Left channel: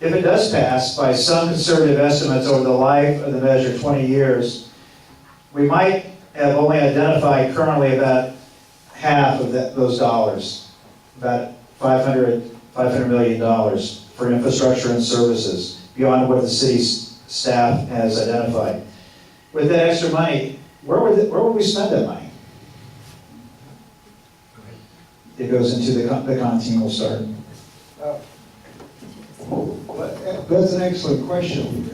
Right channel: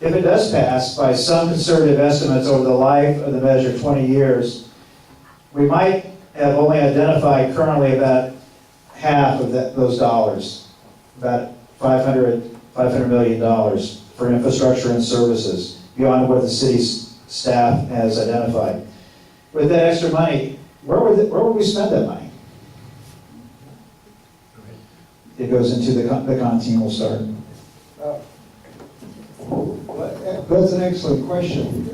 if it does pass, by some conservative estimates over the life of the measure, 20 years, we might have only identified currently about half of those dollars, about $500 million for infrastructure and services, beyond what the city's staff has identified. With that extra money, where would we spend that money? It goes into the canteen will start. That's an excellent question.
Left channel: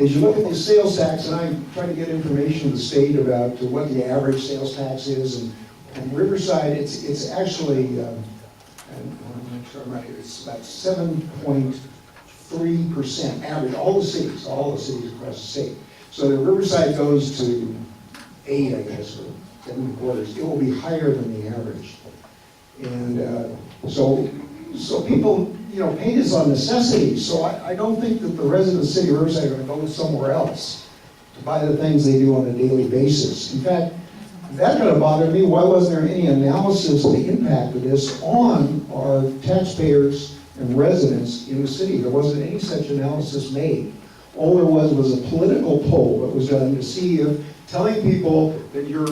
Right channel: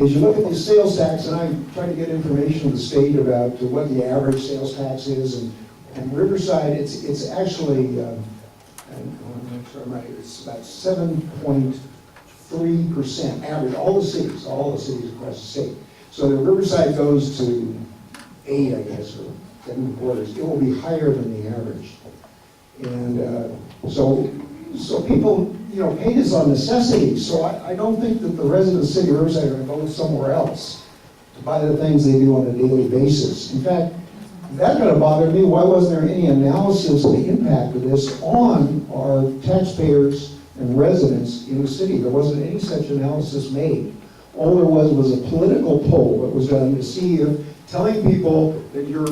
As you look at the sales tax, and I'm trying to get information from the state about what the average sales tax is, and Riverside, it's actually, I'm not sure I'm right, it's about 7.3% average, all the cities across the state. So the Riverside goes to 8, I guess, or 7.25. It will be higher than the average. And so people, paint is on necessity. So I don't think that the residents of the city of Riverside are going to go somewhere else to buy the things they do on a daily basis. In fact, that kind of bothered me. Why wasn't there any analysis of the impact of this on our taxpayers and residents in the city? There wasn't any such analysis made. All there was a political poll that was done to see if telling people that your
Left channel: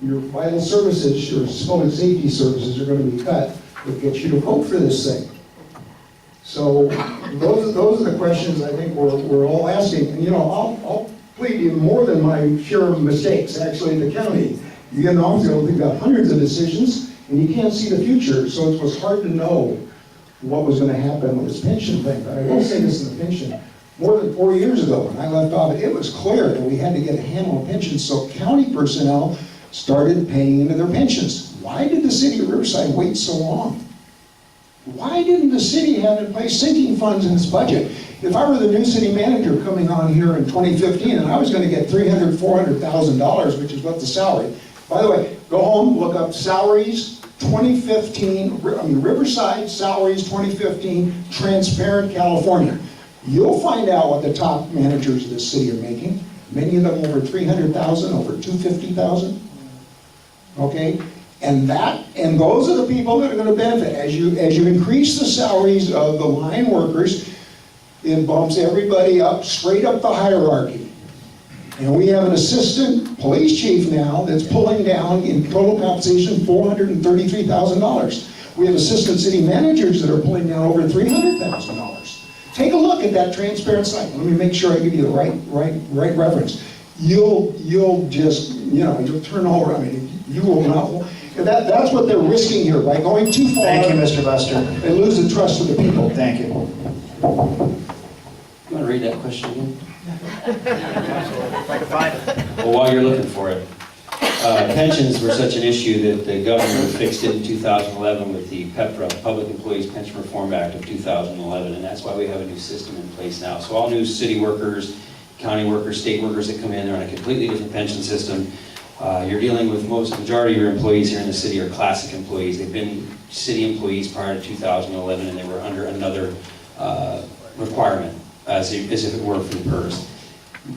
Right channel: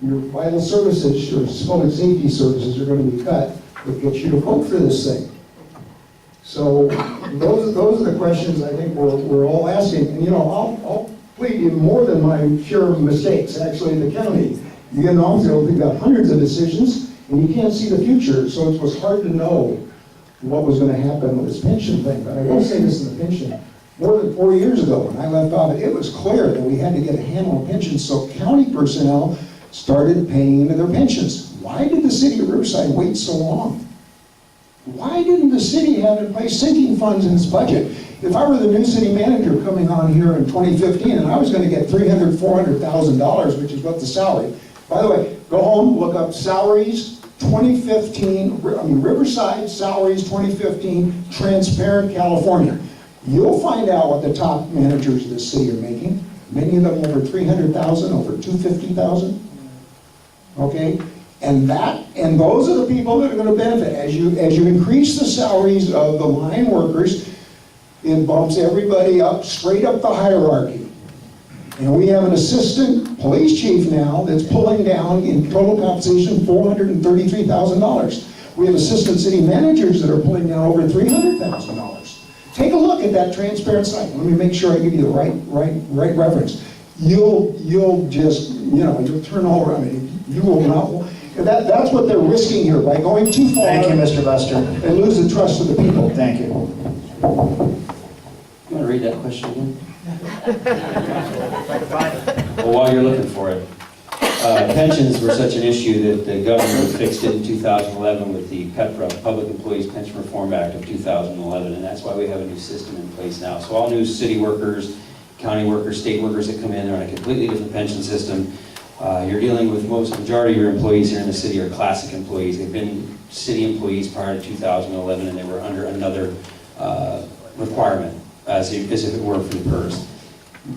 vital services, your public safety services are going to be cut would get you to vote for this thing. So those are the questions I think we're all asking. And I'll plead even more than my share of mistakes actually in the county. You get an office, you've got hundreds of decisions, and you can't see the future. So it was hard to know what was going to happen with this pension thing. But I will say this in the pension. More than 4 years ago when I left office, it was clear that we had to get a handle on pensions. So county personnel started paying into their pensions. Why did the city of Riverside wait so long? Why didn't the city have in place sinking funds in its budget? If I were the new city manager coming on here in 2015 and I was going to get $300,000, $400,000, which is what the salary. By the way, go home, look up salaries 2015, Riverside salaries 2015, transparent California. You'll find out what the top managers of this city are making. Many of them over $300,000, over $250,000. Okay? And those are the people that are going to benefit. As you increase the salaries of the line workers, it bumps everybody up, straight up the hierarchy. And we have an assistant police chief now that's pulling down in total compensation $433,000. We have assistant city managers that are pulling down over $300,000. Take a look at that transparent site. Let me make sure I give you the right reference. You'll just, you'll turn over. I mean, you will not. That's what they're risking here by going too far. Thank you, Mr. Buster. They lose the trust of the people. Thank you. You want to read that question again? Well, while you're looking for it, pensions were such an issue that the governor fixed it in 2011 with the PEPRA, Public Employees Pension Reform Act of 2011, and that's why we have a new system in place now. So all new city workers, county workers, state workers that come in, they're on a completely different pension system. You're dealing with majority of your employees here in the city are classic employees. They've been city employees prior to 2011, and they were under another requirement, as if it were for the PERS.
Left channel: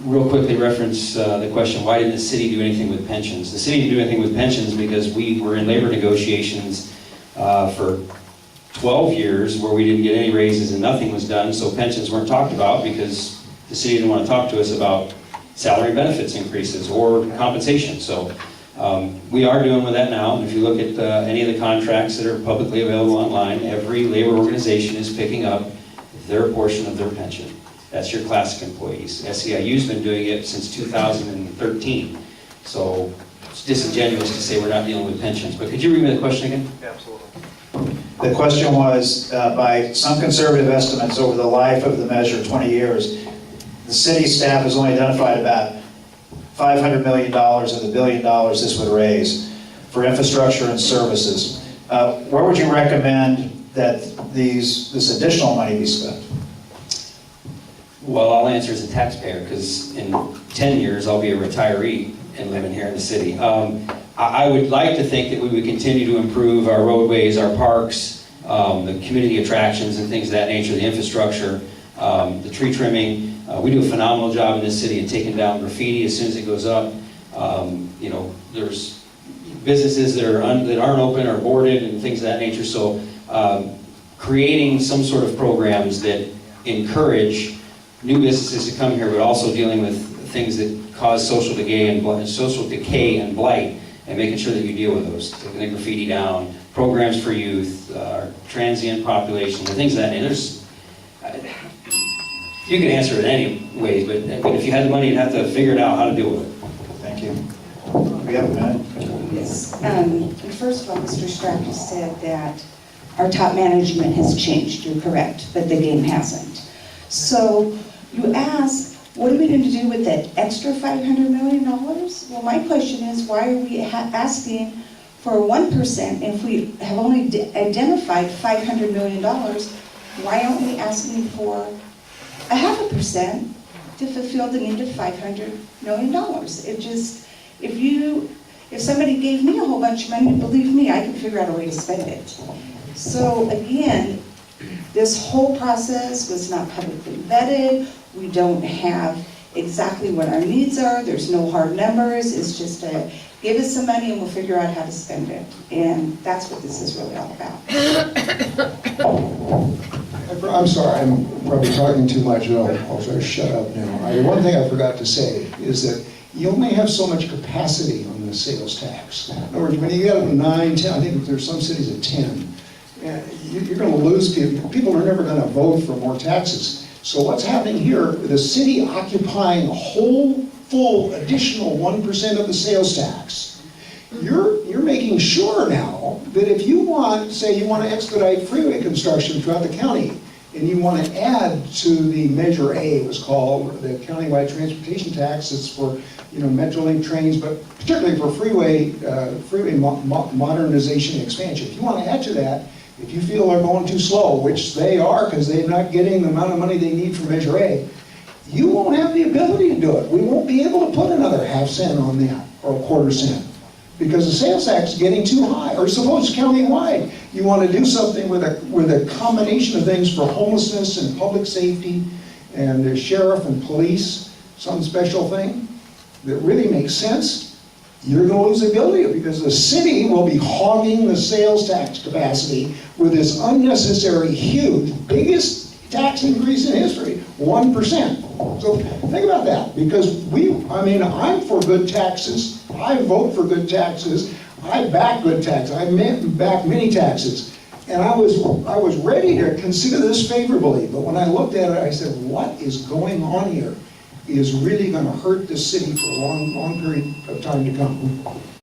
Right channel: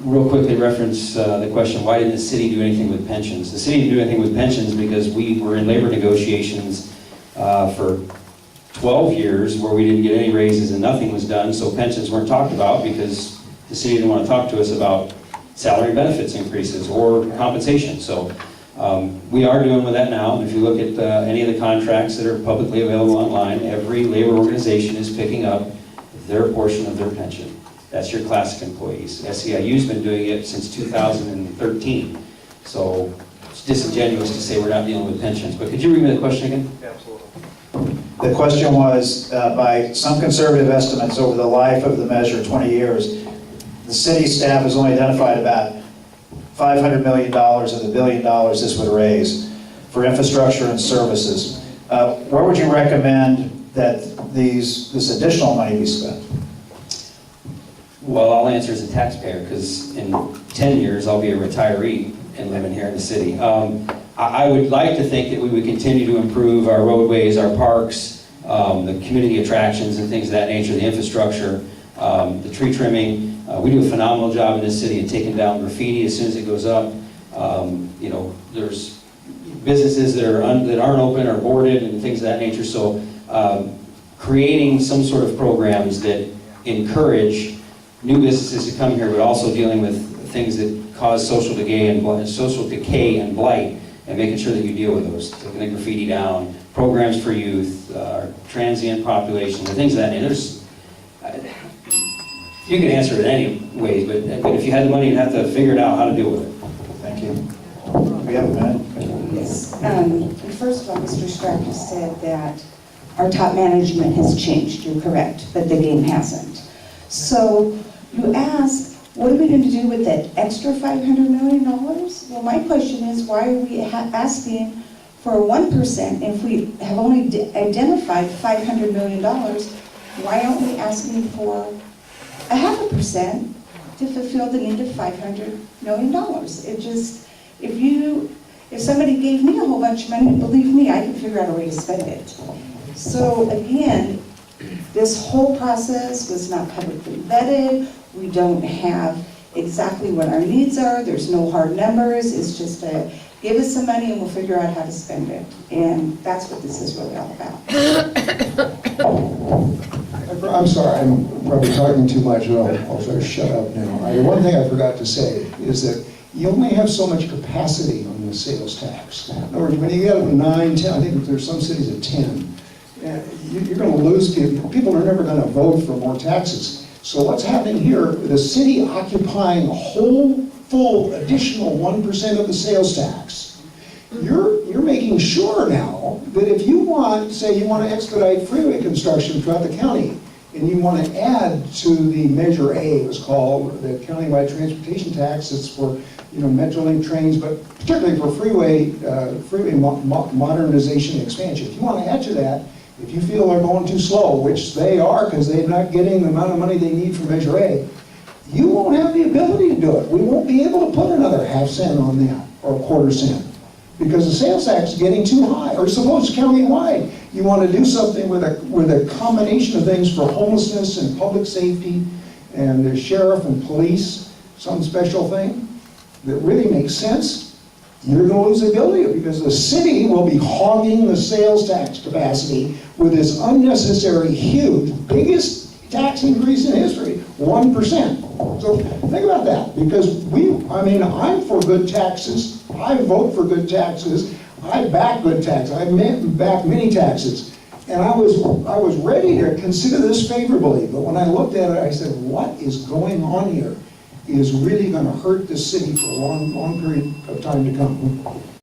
Real quickly reference the question, why didn't the city do anything with pensions? The city didn't do anything with pensions because we were in labor negotiations for 12 years where we didn't get any raises and nothing was done, so pensions weren't talked about because the city didn't want to talk to us about salary benefits increases or compensation. So we are doing with that now. If you look at any of the contracts that are publicly available online, every labor organization is picking up their portion of their pension. That's your classic employees. SEIU's been doing it since 2013. So it's disingenuous to say we're not dealing with pensions. But could you read me the question again? Absolutely. The question was, by some conservative estimates over the life of the measure, 20 years, the city staff has only identified about $500 million of the $1 billion this would raise for infrastructure and services. Where would you recommend that this additional money be spent? Well, I'll answer as a taxpayer because in 10 years I'll be a retiree and living here in the city. I would like to think that we would continue to improve our roadways, our parks, the community attractions and things of that nature, the infrastructure, the tree trimming. We do a phenomenal job in this city of taking down graffiti as soon as it goes up. There's businesses that aren't open or boarded and things of that nature. So creating some sort of programs that encourage new businesses to come here, but also dealing with things that cause social decay and blight, and making sure that you deal with those, taking the graffiti down, programs for youth, transient population, the things of that. And there's, you can answer it any ways, but if you had the money, you'd have to figure it out how to deal with it. Thank you. We have a minute. Yes. First of all, Mr. Strachey said that our top management has changed. You're correct, but the game hasn't. So you ask, what are we going to do with that extra $500 million? Well, my question is, why are we asking for 1% if we have only identified $500 million? Why aren't we asking for 0.5% to fulfill the need of $500 million? It just, if somebody gave me a whole bunch of money, believe me, I can figure out a way to spend it. So again, this whole process was not publicly vetted. We don't have exactly what our needs are. There's no hard numbers. It's just a, give us some money and we'll figure out how to spend it. And that's what this is really all about. I'm sorry, I'm probably talking too much. I'll try to shut up now. One thing I forgot to say is that you only have so much capacity on the sales tax. In other words, when you get up to 9, 10, I think there's some cities at 10, you're going to lose people. People are never going to vote for more taxes. So what's happening here, the city occupying a whole full additional 1% of the sales tax, you're making sure now that if you want, say you want to expedite freeway construction throughout the county, and you want to add to the Measure A, it was called, the countywide transportation tax. It's for, Metrolink trains, but particularly for freeway modernization and expansion. If you want to add to that, if you feel they're going too slow, which they are because they're not getting the amount of money they need for Measure A, you won't have the ability to do it. We won't be able to put another 0.5 cent on that, or 1/4 cent, because the sales tax is getting too high. Or suppose countywide, you want to do something with a combination of things for homelessness and public safety and the sheriff and police, some special thing that really makes sense. You're going to lose the ability because the city will be hogging the sales tax capacity with this unnecessary, huge, biggest tax increase in history, 1%. So think about that, because I'm for good taxes. I vote for good taxes. I back good taxes. I back many taxes. And I was ready to consider this favorably, but when I looked at it, I said, what is going on here is really going to hurt the city for a long, long period of time to come.